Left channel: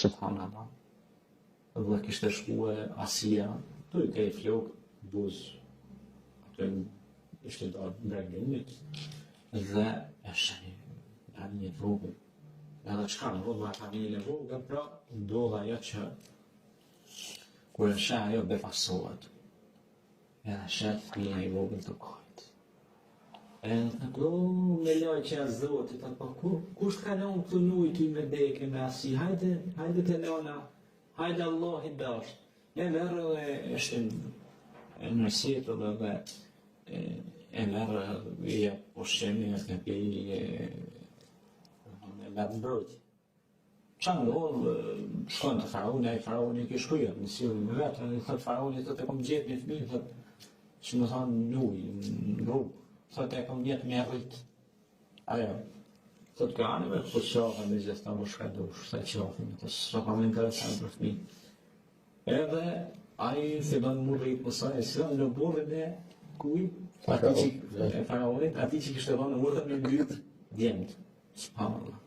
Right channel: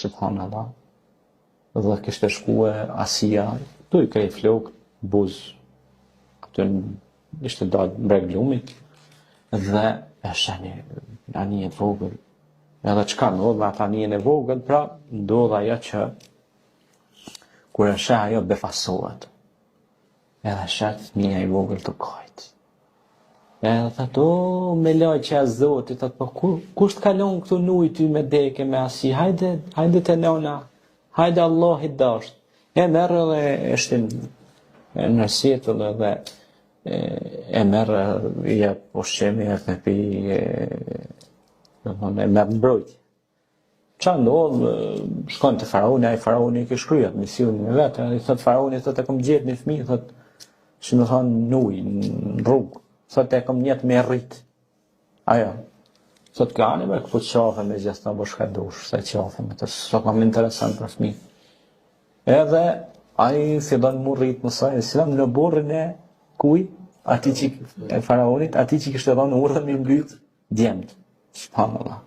subhanallah. Dhe kishte shkue Asia, tu i krej flok, buz, aty ishte dalë mbreg lumit, dhe e shani anijen vogël. Edhe çka ndodh me atë anijen e vogël, pra ndodh ajo që kur e sheh ajo befasohet. Edhe shet fëmia i vogël të kajt. Edhe thot, o, me laj që e zotit, thot, po kush të kalon këtu nuj ty me deke me asi, hajde të nona, hajde Allah i dasht. E merë dhe eshtin në sjetëll dhe e merë i e poshqemi e të pi e merë mbrojtje. Qa ndodhë, shkon të faraoni, a i faraoni i kishkryat misionin e vetë, i thot faraoni, thot e kom gjetë një fëmi, thot, që më thonë nuj, në rrugë, thot e kom njetë me rritë. Ajo, thot ka anë me këpët qafe me gjithë të bëshka dush, se qafe me të së kam interesant për fëmi. Edhe, a i fillon mu rritë mësaj, islam në borën e kuj, ati që e faraonit, ati që kishtë edhonë urdhën me mbytë, djemët, subhanallah.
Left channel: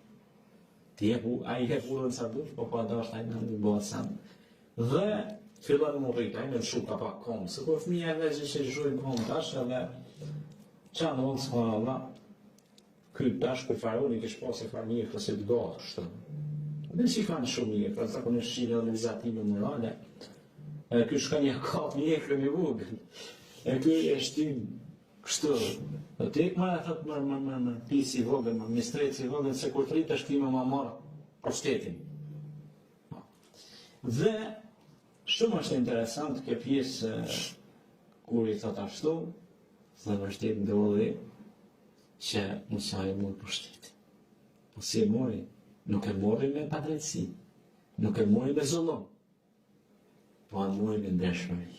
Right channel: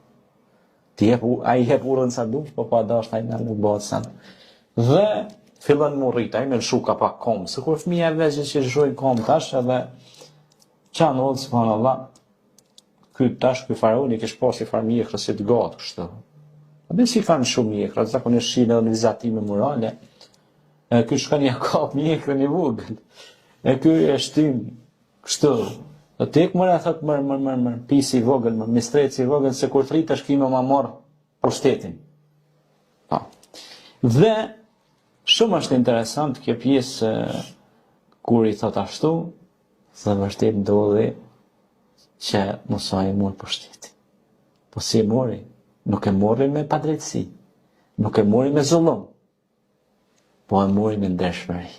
A i hep urën sa dush, po pa dasht a i në nuk bëhet sen. Dhe fillon mu rrit, a i me lëshu ka pak kom, se kur fëmija e veqe që lëshojnë kom tash, edhe qa në odhë, subhanallah, ky faraoni kish pasi farë mjekra si të gatë kështë. Dhe si kanë shumë mjekra, zakonisht shine edhe në vizatime morale, ky shkon ja kap mjekra një vogël, e ky e shtim kështu. Dhe tek mërë e thot mërë, pisi i vogël, mërë mistreci i vogël, se kur të rritë është kime ma marë pushtetin. Dhe shumë është interesant kjo pjesë kur i thot ashtu, dhe vërtet ndodhi që Musa i mori pushtetin. Po si e mori? Nuk e mori me padrejtësi, nuk e mori me zullum, po e mori me ndershmëri.